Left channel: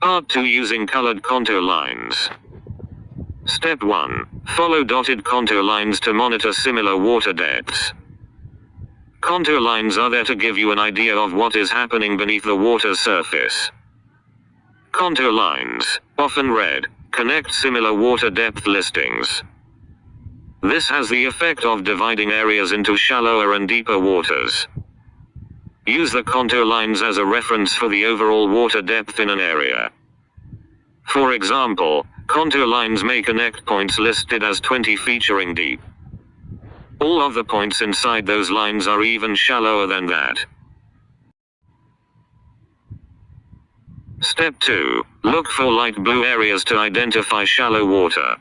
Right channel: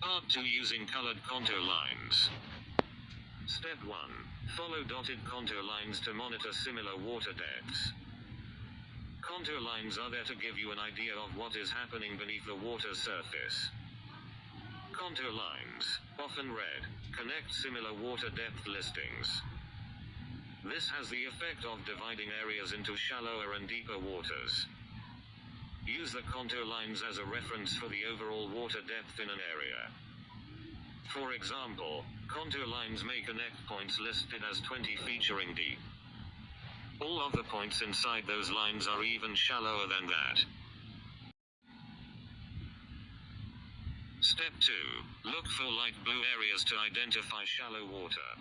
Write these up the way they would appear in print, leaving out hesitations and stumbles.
Part 2, using colored contour lines. Step 1. Follow dotted contour lines to monitor similar water depths. Contour lines are there to give you an idea of what is happening beneath the water's surface. Contour lines, often red, connect similar water depth listings. This has the effect of dividing areas into shallower and deeper waters. Use the contour lines as a reference for the overall water depth in an area. For example, contour lines may connect points listed as 20 featuring deep. All of the points inside those lines are even shallower than that. Step 2. Look for light blue areas to identify shallow water.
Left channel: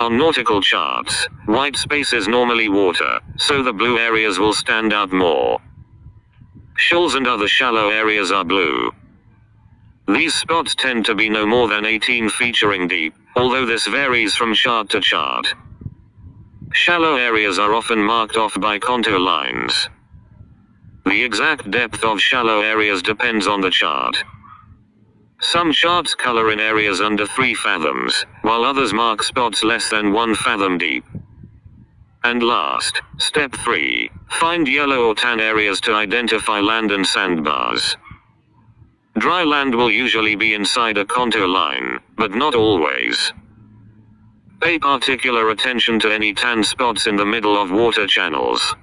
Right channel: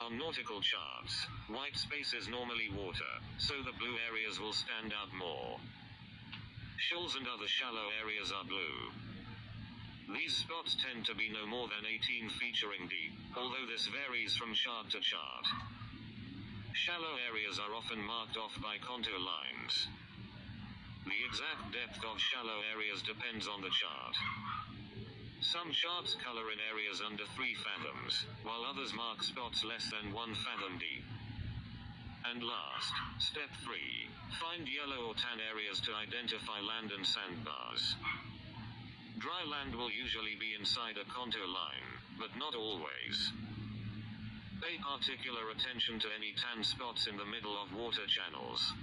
On nautical charts, white space is normally water, so the blue areas will stand out more. Shoals and other shallow areas are blue. These spots tend to be no more than 18 featuring deep, although this varies from chart to chart. Shallow areas are often marked off by contour lines. The exact depth of shallow areas depends on the chart. Some charts color in areas under 3 fathoms, while others mark spots less than 1 fathom deep. And last, step 3, find yellow or tan areas to identify land and sandbars. Dry land will usually be inside a contour line, but not always. Pay particular attention to any tan spots in the middle of water channels.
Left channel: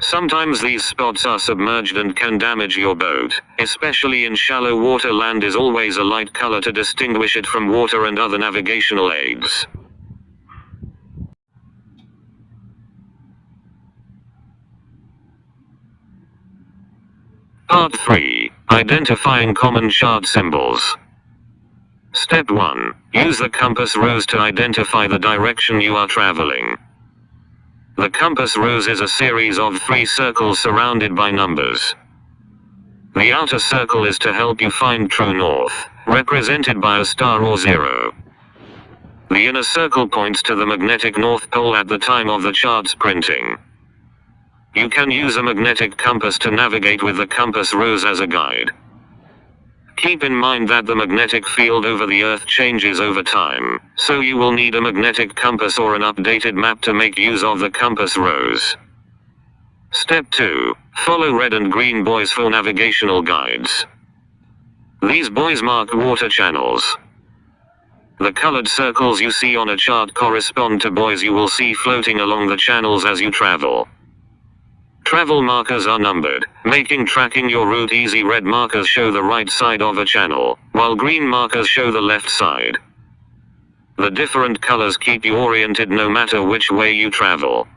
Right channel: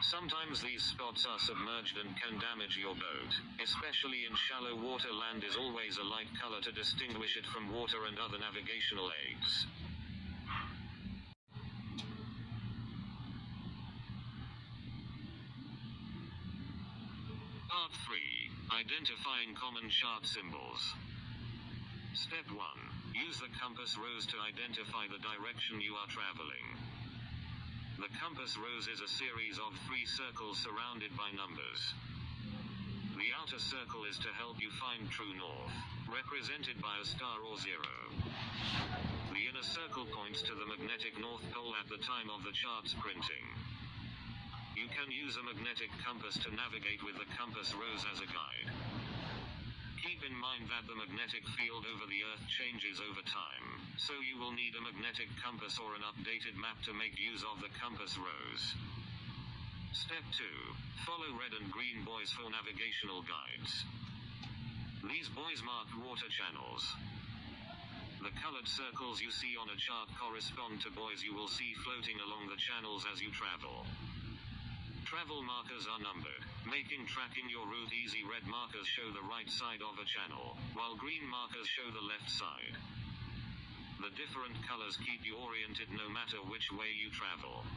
Sometimes these spots are submerged and can damage your boat, especially in shallow water. Land is always a light color to distinguish it from water and other navigational aids. Part 3. Identifying common chart symbols. Step 1. Use the compass rose to identify the direction you are traveling. The compass rose is a series of 3 circles surrounded by numbers. The outer circle is to help you find true north, represented by a star or 0. The inner circle points to the magnetic North Pole at the time of the chart's printing. You can use a magnetic compass to navigate with the compass rose as a guide. Keep in mind that the magnetic field over the Earth changes over time, so you will need a magnetic compass or an updated map to make use of the compass rose. Step 2. Follow red and green buoys for navigational guides. These buoys mark water channels. The colored circles you see on a chart correspond to buoys you will see floating along the channels as you travel. Travel markers are numbered, making tracking your route easy. Red markers show the right side of a channel, while green markers show the left side. The different colors keep you oriented no matter which way you travel.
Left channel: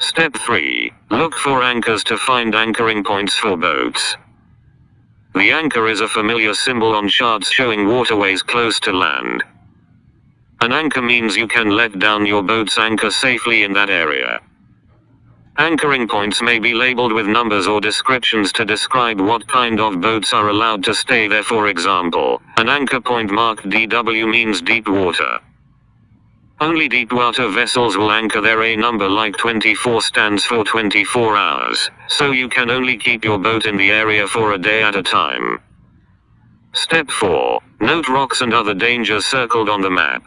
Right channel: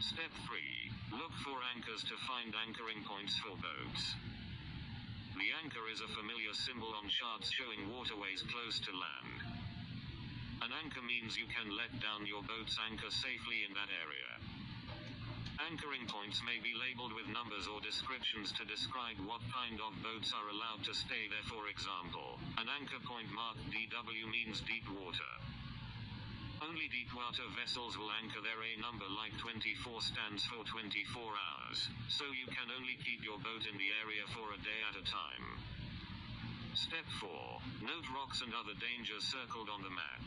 Step 3. Look for anchors to find anchoring points for boats. The anchor is a familiar symbol on charts showing waterways close to land. An anchor means you can let down your boat's anchor safely in that area. Anchoring points may be labeled with numbers or descriptions to describe what kind of boats are allowed to stay there. For example, an anchor point marked DW means deep water. Only deep water vessels will anchor there. A number like 24 stands for 24 hours, so you can only keep your boat in the area for a day at a time. Step 4. Note rocks and other dangers circled on the map.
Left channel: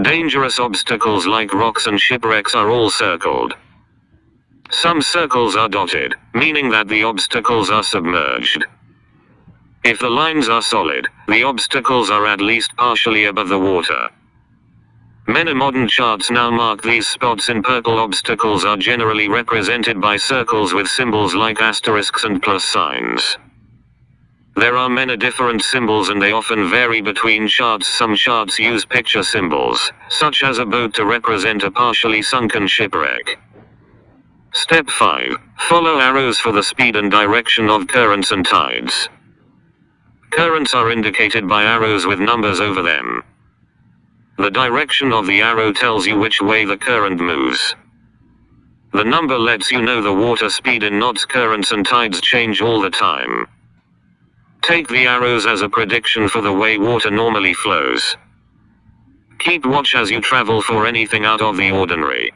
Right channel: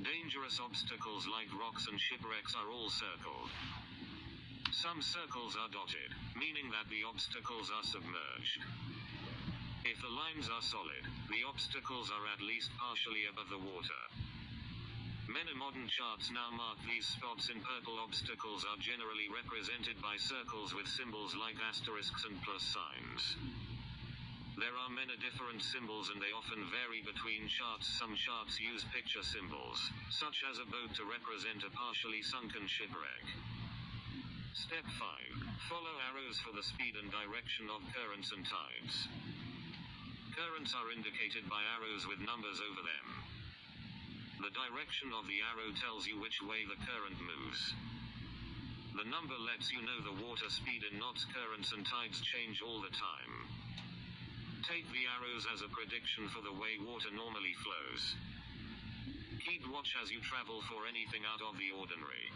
Dangerous obstacles like rocks and shipwrecks are all circled. Some circles are dotted, meaning that the obstacles are submerged. If the lines are solid, the obstacles are at least partially above the water. Many modern charts now mark these spots in purple. Obstacles are generally represented by circles with symbols like asterisks and plus signs. There are many different symbols and they often vary between charts. Some charts use picture symbols, such as a boat, to represent a partially sunken shipwreck. Step 5. Follow arrows for the speed and direction of currents and tides. Currents are indicated by arrows with numbers over them. The direction of the arrow tells you which way the current moves. The number lets you know the water speed in knots. Currents and tides change all the time. Take the arrows as a prediction for the way water normally flows. Keep watch as you travel for anything out of the ordinary.